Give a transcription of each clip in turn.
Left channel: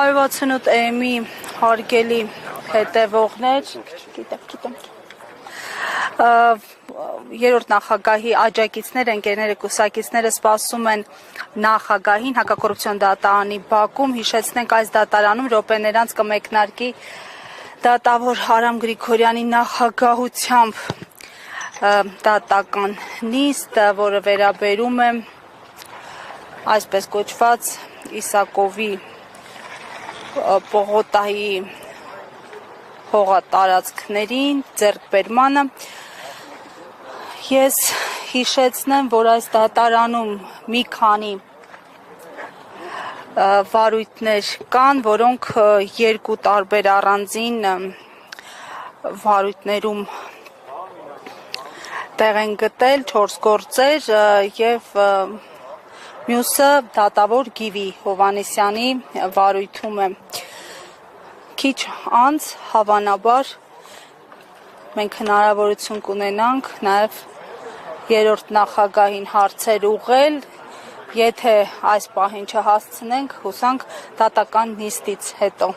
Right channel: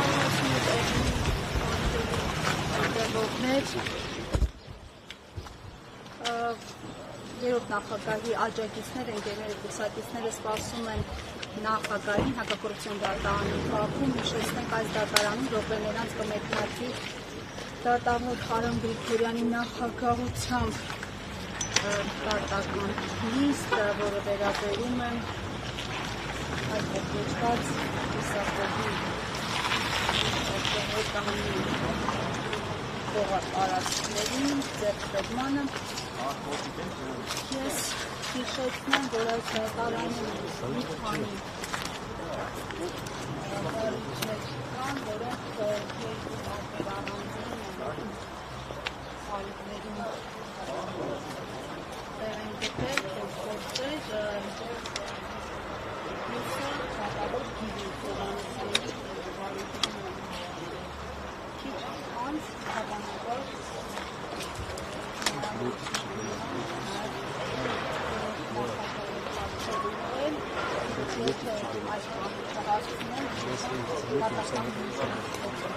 168-ի հարգելի հետևողներ, երրորդ նախագահի աջակիցները, ընկերները, կուսակիցները սպասում են նախագահին հակակոռուպցիոն դատարանի բակում։ Հիշեցնենք, այս դատարանում րոպեներ անց կմեկնարկի դատավոր Արամ Գրիգորյանի նախագահությամբ դատական նիստ, որը վերաբերում է այսպես կոչված Իսակովի պողոտայի հողատարածքներին ձեռքբերմանը։ Ես հիշեցնեմ, որ այս դատարանում մի քանի վարույթներ կան, որոնք երկու տարբեր առանձին վարույթներում տեղ են գտել 4 գործեր եւ մյուսը դատավոր Գիվի Հովհաննիսյանի վարույթում է։ Քիչ անց հավանաբար մենք հնարավորություն կունենանք նաեւ երրորդ նախագահին հարցեր ուղղել, եթե այս պահին չհասցնենք, հուսանք դատական նիստից հետո։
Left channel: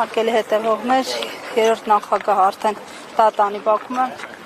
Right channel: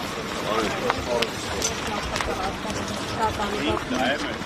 Հարգելի հետևողներ, երրորդ նախագահը արդեն դատարանի բակում է։